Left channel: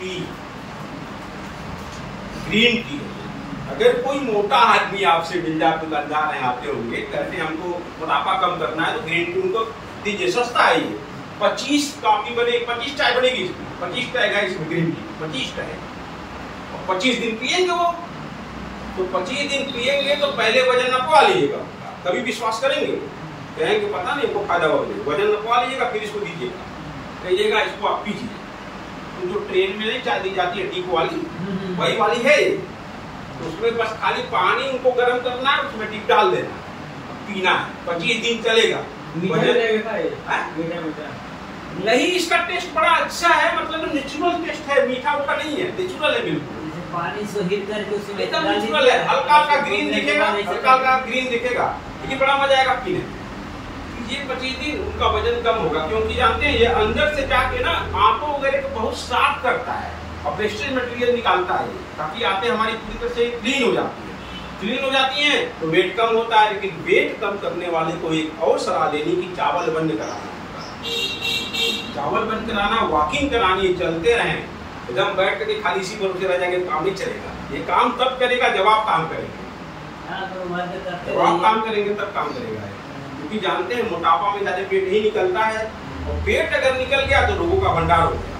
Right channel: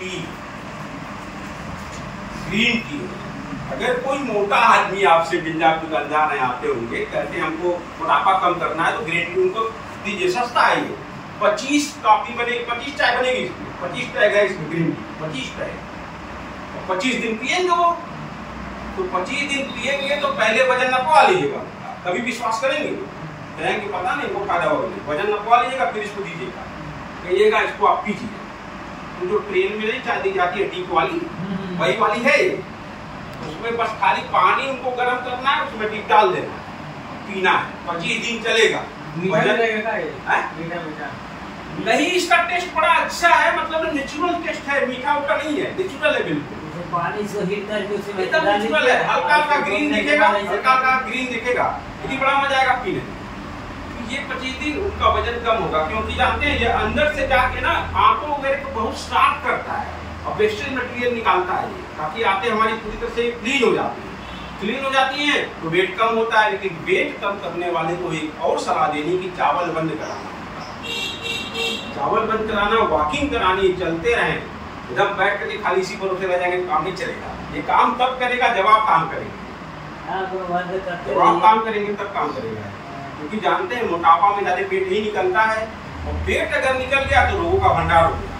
T, green tea. अगर कोई मोटा आदमी आपसे मिल जाए, दुकानदार हैं आते होंगे, कहते हमको मोटापा कम करना है तो ग्रीन टी उनको दीजिए, सस्ता है ये। 25 कॉफी बनेगी, 25 चाय बनेगी इसमें, 25 टैग है इसमें ग्रीन टी, 25 टैग। और 25 दिन पिएंगे वो, तो 25 दिन पिएंगे तो पहले वजन नपवा लीजिएगा, तभी विश्वास करेंगे। कहेंगे पता नहीं हमको फायदा हो गया, वजन नपवा लीजिएगा, फिर इसको दीजिएगा, कहिएगा इसको आप पीजिए। तो जो ट्रेन में नहीं चाय दी जाती है टीप वाली, वही वाली है ये। उसमें बस खाली पानी उनको गर्म करना है, उसमें टीप डाल देना है, पीना है, 25 दिन चलेगा। मीठा नहीं, इसका टेस्ट बड़ा अच्छा है, मतलब नेचुरल टेस्ट है, मीठा उठा नहीं है, नेचुरल है बिल्कुल। पानी से हिट करके उसमें एकदम नेचुरल है, हल्का हल्का ग्रीन दिखेगा, हल्का हल्का ग्रीन दिखेगा, लेकिन बड़ा मजा आएगा पीने में। ये 25 दिन उनका वजन कम होगा, क्योंकि जानते हैं ये अंदर से जाके ना आंतों वगैरह को बहुत साफ करता है और वेस्टेज मटेरियल निकालता है, ताकि आंतें हमारी पूरी तरह से क्लीन हो जाती है। क्लीन हो जाती हैं तो वेट कम होता है। लेकिन वेट कम करने वाले को एक और सलाह देनी कि चावल बंद कराना, चावल बंद कराना, वॉकिंग करानी, चलते रहें। एकदम बैठ करके खाली सी भरोसे रह जाएंगे काम नहीं चलेगा। ये काम तब करेगा जब आप काम करेंगे, तो आप काम करेंगे तब काम करेगा। क्योंकि जानते हैं मोटापा में ज्यादा पेट नहीं निकलता है, और पेट अगर निकल गया तो लोगों का भंडार हो गया।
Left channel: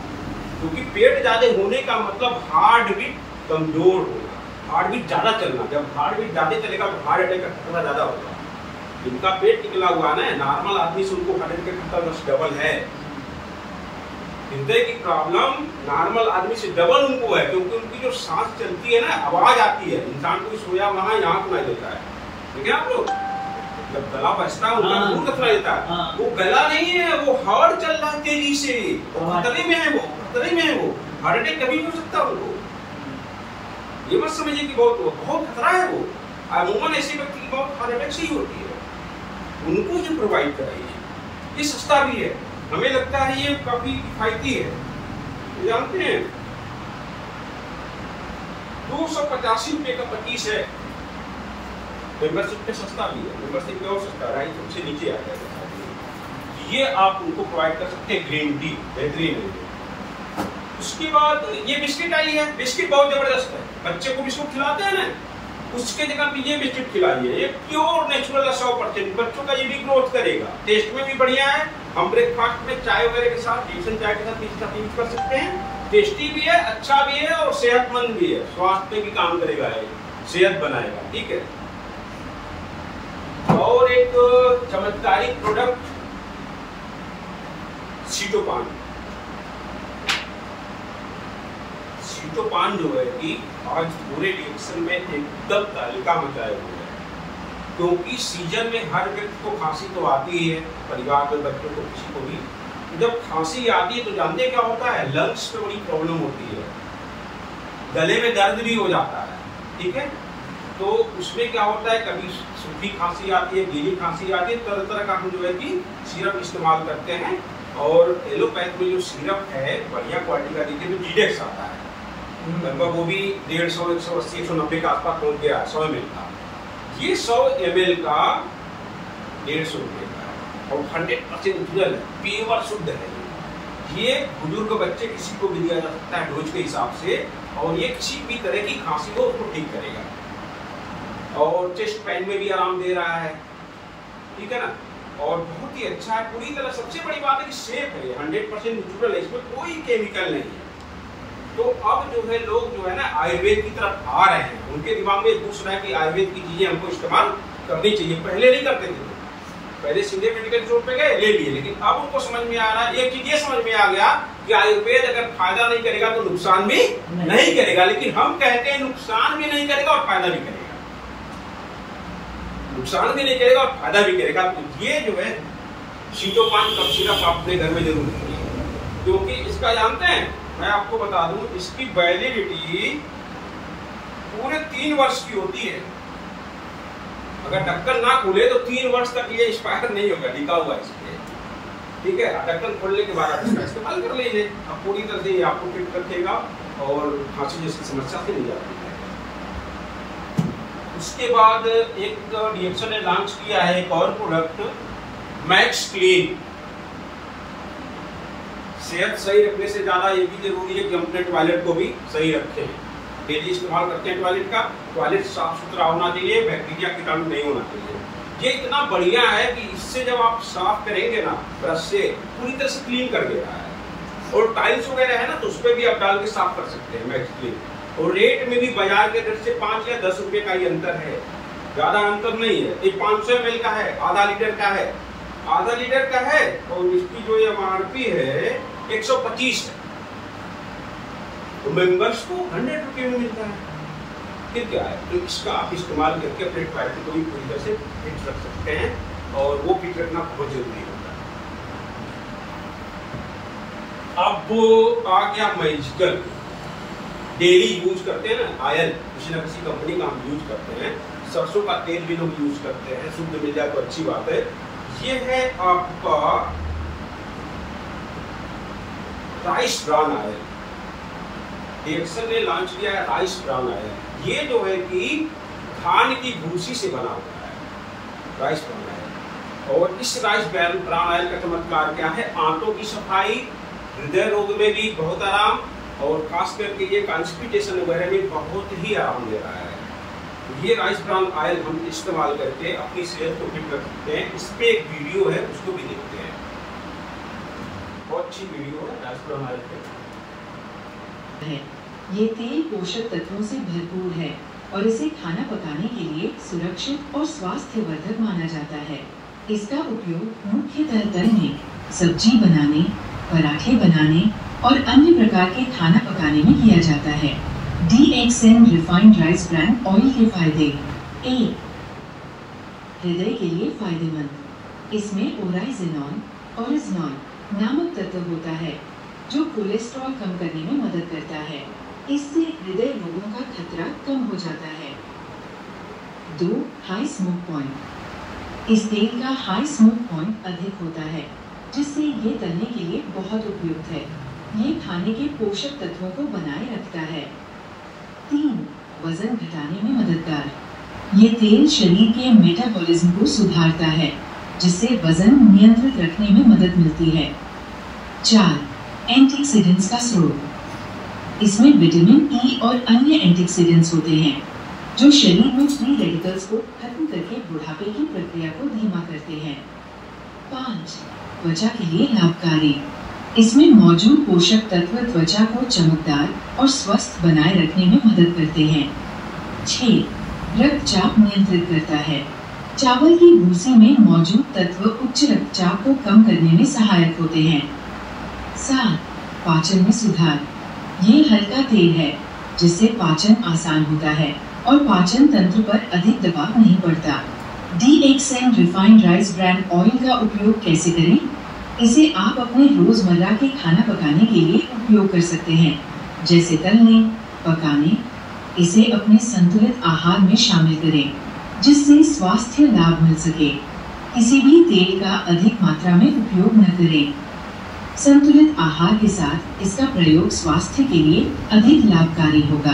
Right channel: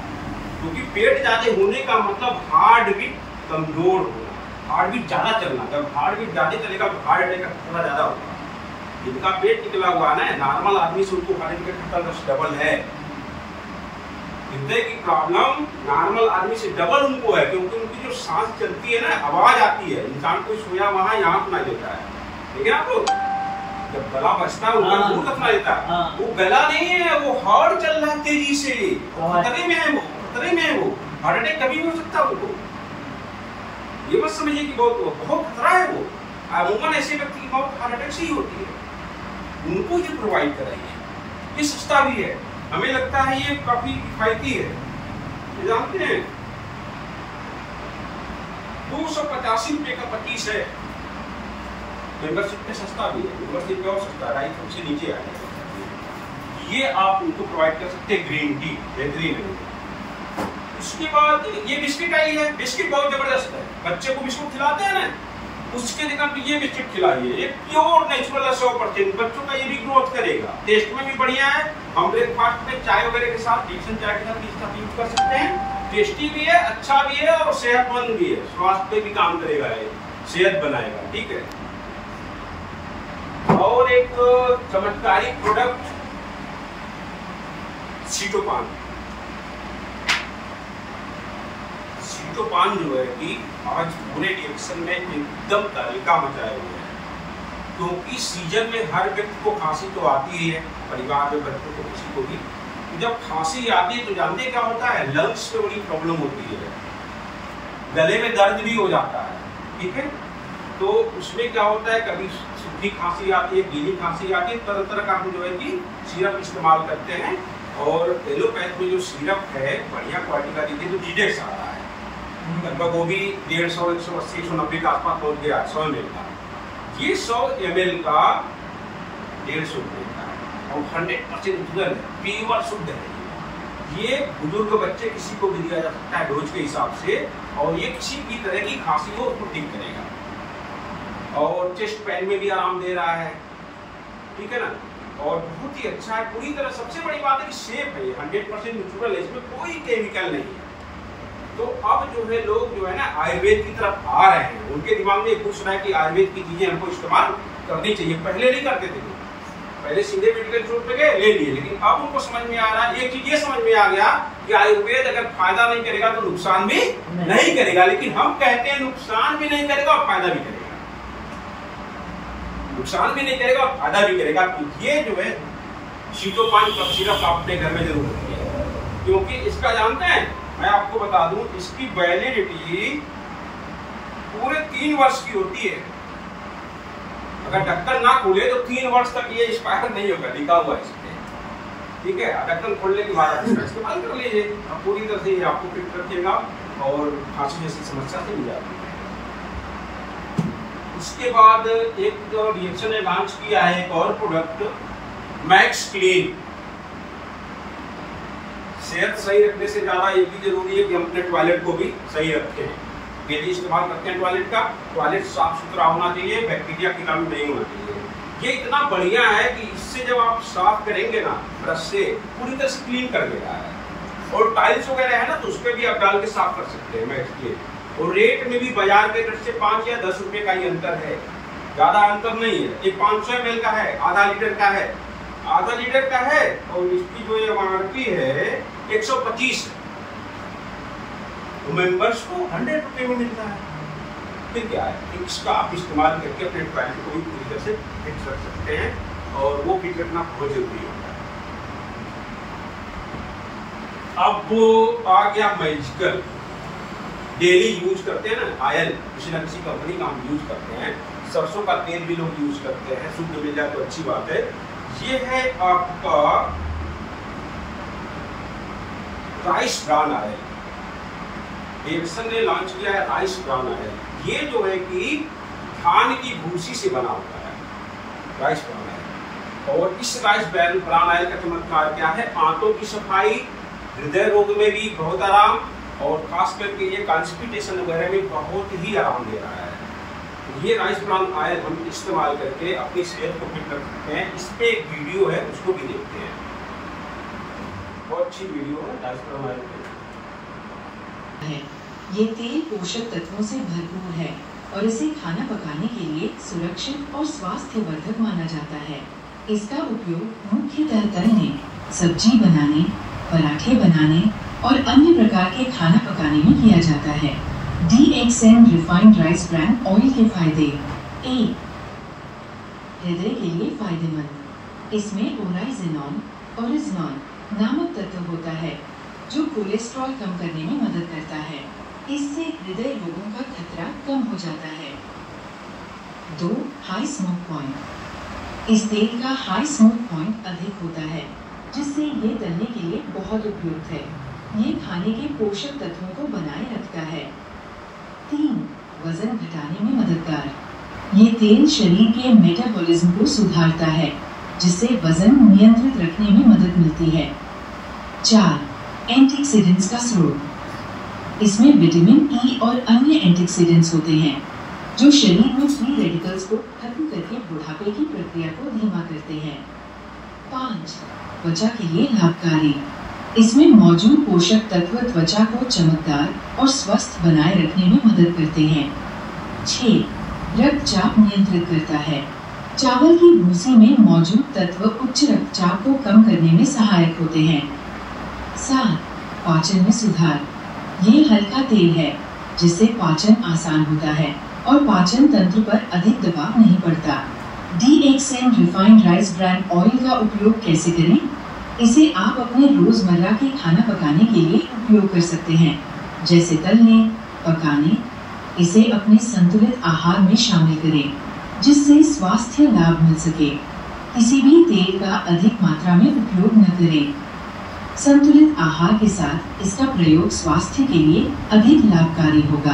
क्योंकि पेट ज्यादा होने का मतलब हार्ट बीट कमजोर होगा, हार्ट बीट ज्यादा चलना। जब हार्ट बीट ज्यादा चलेगा तो हार्ट अटैक का खतरा ज्यादा होगा। जिनका पेट निकला हुआ है ना, नॉर्मल आदमी से उनको हार्ट अटैक का खतरा डबल है। हृदय की प्रॉब्लम नॉर्मल आदमी से डबल उनको है, क्योंकि उनकी जो सांस चलती है ना, आवाज आती है, इंसान को सोया वहां यहाँ सुनाई देता है। देखिए आप लोग, जब गला बचता है उनका मुंह का सुनाई देता है, वो गला नहीं है, वो हार्ट चल रहा है तेजी से, खतरे में है वो, खतरे में है वो, हार्ट अटैक कभी हो सकता है उनको। ये मत समझिए कि बहुत खतरा है वो। अमूमन ऐसे व्यक्ति की बहुत हार्ट अटैक से ही होती है। उनको जो प्रोवाइड कराइए, ये सस्ता भी है, हमें लगता है ये काफी किफायती है। जानते हैं 285 रुपए का 25 है, मेंबरशिप पे सस्ता भी है, मेंबरशिप पे और सस्ता, 250 से नीचे आ जाएगा। ये आप उनको प्रोवाइड कर सकते हैं, ग्रीन टी बेहतरीन है। उसके बाद ये बिस्किट आई है, बिस्किट बहुत जबरदस्त है। बच्चे को बिस्कुट खिलाते हैं ना, उसके जगह पे ये बिस्किट खिलाइए, ये प्योर नेचुरल 100%। बच्चों का ये भी ग्रोथ करेगा, टेस्ट में भी बढ़िया है। हम ब्रेकफास्ट में चाय वगैरह के साथ, टेंशन चाय के साथ इसका यूज कर सकते हैं। टेस्टी भी है, अच्छा भी है और सेहतमंद भी है, स्वास्थ्य पे भी काम करेगा, ये सेहत बनाएगा। ठीक है। और एक चमत्कारिक प्रोडक्ट सीटोपान। सीटोपान जो है कि आज पूरे रिएक्शन में एकदम तहलका मचाए हुए है, क्योंकि सीजन में हर व्यक्ति को खांसी तो आती ही है, परिवार में बच्चों को किसी को भी। जब खांसी आती है तो जानते क्या होता है, लंग्स में बड़ी प्रॉब्लम होती है, गले में दर्द भी हो जाता है। ठीक है, तो उसमें क्या होता है, कभी सूखी खांसी आती है, गीली खांसी आती है, तरह तरह का हम जो है कि सिरप इस्तेमाल करते हैं। और एलोपैथ में जो सिरप है बढ़िया क्वालिटी का देखिए तो जीडेक्स आता है, लगभग वो भी 150, 180, 190 के आसपास पहुंच गया 100 ml का। ये 100 ml का 150 रुपये का है और 100% नेचुरल है, प्योर शुद्ध है। ये बुजुर्ग बच्चे किसी को भी दिया जा सकता है डोज के हिसाब से, और ये किसी भी तरह की खांसी हो उसको ठीक करेगा, और चेस्ट पेन में भी आराम दे रहा है। ठीक है ना, और बहुत ही अच्छा है पूरी तरह। सबसे बड़ी बात है कि सेफ है, 100% नेचुरल है, इसमें कोई केमिकल नहीं है। तो अब जो है लोग जो है ना आयुर्वेद की तरफ आ रहे हैं, उनके दिमाग में एक घुस रहा है कि आयुर्वेद की चीजें हमको इस्तेमाल करनी चाहिए। पहले नहीं करते थे, पहले सीधे मेडिकल स्टोर पे गए ले लिए, लेकिन अब उनको समझ में आ रहा है, एक चीज ये समझ में आ गया कि आयुर्वेद अगर फायदा नहीं करेगा तो नुकसान भी नहीं करेगा। लेकिन हम कहते हैं नुकसान भी नहीं करेगा और फायदा भी करेगा, नुकसान भी नहीं करेगा और फायदा भी करेगा। तो ये जो है सीटोपान कफ सिरप आप अपने घर में जरूर रखिए, क्योंकि इसका जानते हैं, मैं आपको बता दूं, इसकी वैलिडिटी पूरे 3 वर्ष की होती है। अगर ढक्कन ना खुले तो 3 वर्ष तक ये एक्सपायर नहीं होगा, लिखा हुआ है इसमें। ठीक है, ढक्कन खोलने के बाद आप इसका इस्तेमाल कर लीजिए, अब पूरी तरह से ये आपको फिट रखेगा और खांसी जैसी समस्या से नहीं जाती है। उसके बाद एक रिएक्शन ने लॉन्च किया है एक और प्रोडक्ट, मैक्स क्लीन। सेहत सही रखने से ज़्यादा ये भी जरूरी है कि हम अपने टॉयलेट को भी सही रखें। डेली इस्तेमाल करते हैं टॉयलेट का, टॉयलेट साफ सुथरा होना चाहिए, बैक्टीरिया कीटाणु नहीं होना चाहिए। ये इतना बढ़िया है कि इससे जब आप साफ करेंगे ना ब्रश से, पूरी तरह से क्लीन कर देता है। और टाइल्स वगैरह है ना, तो उस पर भी आप डाल के साफ कर सकते हैं मैक्स क्लीन। और रेट में भी बाजार के रेट से 5 या 10 रुपए का ही अंतर है, ज्यादा अंतर नहीं है। ये 500 ml का है, आधा लीटर का है, आधा लीटर का है, और इसकी जो MRP है 125 है, तो मेंबर्स को 100 रुपये में मिलता है। फिर क्या है, तो इसका आप इस्तेमाल करके अपने टॉयलेट को भी पूरी तरह से फिट रख सकते हैं, और वो फिट रखना बहुत जरूरी होता है। अब वो आ गया मैजिकल, डेली यूज करते हैं ना ऑयल, किसी ना किसी कंपनी का हम यूज करते हैं। सरसों का तेल भी लोग यूज करते हैं, शुद्ध मिल जाए तो अच्छी बात है। ये है आपका राइस ब्रान ऑयल, डेक्सन ने लॉन्च किया है राइस ब्रान ऑयल। ये जो है कि धान की भूसी से बना होता है राइस ब्रान ऑयल। और इस राइस ब्रान ऑयल का चमत्कार क्या है, आंतों की सफाई, हृदय रोग में भी बहुत आराम, और खास करके ये कॉन्स्टिपेशन वगैरह में बहुत ही आराम दे रहा है। ये राइस ब्रान ऑयल हम इस्तेमाल करके अपनी सेहत को फिट रख सकते हैं। इस पे एक वीडियो है, उसको भी देखते हैं, बहुत अच्छी वीडियो है राइस ब्रान ऑयल पे। ये तेल पोषक तत्वों से भरपूर है और इसे खाना पकाने के लिए सुरक्षित और स्वास्थ्यवर्धक माना जाता है। इसका उपयोग मुख्यतः तलने, सब्जी बनाने, पराठे बनाने और अन्य प्रकार के खाना पकाने में किया जाता है। DXN refined rice bran oil के फायदे। 1. हृदय के लिए फायदेमंद। इसमें ओराइजिनॉन ओरिजिनॉन नामक तत्व होता है जो कोलेस्ट्रॉल कम करने में मदद करता है। इससे हृदय रोगों का खतरा कम हो जाता है। 2. High smoke point. इस तेल का हाई स्मोक पॉइंट अधिक होता है, जिससे ये तलने के लिए बहुत उपयुक्त है। ये खाने के पोषक तत्वों को बनाए रखता है। 3. वजन घटाने में मददगार। ये तेल शरीर के मेटाबॉलिज्म को सुधारता है, जिससे वजन नियंत्रित रखने में मदद मिलती है। 4. एंटीऑक्सीडेंट्स का स्रोत। इसमें विटामिन ई और अन्य एंटीऑक्सीडेंट्स होते हैं, जो शरीर में फ्री रेडिकल्स को खत्म करके बुढ़ापे की प्रक्रिया को धीमा करते हैं। 5. त्वचा के लिए लाभकारी। इसमें मौजूद पोषक तत्व त्वचा को चमकदार और स्वस्थ बनाए रखने में मदद करते हैं। 6. रक्तचाप नियंत्रित करता है। चावल की भूसी में मौजूद तत्व उच्च रक्तचाप को कम करने में सहायक होते हैं। 7. पाचन में सुधार। ये हल्का तेल है, जिससे पाचन आसान होता है और पाचन तंत्र पर अधिक दबाव नहीं पड़ता। DXN refined rice bran oil का उपयोग कैसे करें? इसे आप अपने रोजमर्रा के खाना पकाने के लिए उपयोग कर सकते हैं, जैसे तलने, पकाने। इसे अपने संतुलित आहार में शामिल करें, जिससे स्वास्थ्य लाभ मिल सके। किसी भी तेल का अधिक मात्रा में उपयोग न करें। संतुलित आहार के साथ इसका प्रयोग स्वास्थ्य के लिए अधिक लाभकारी होगा।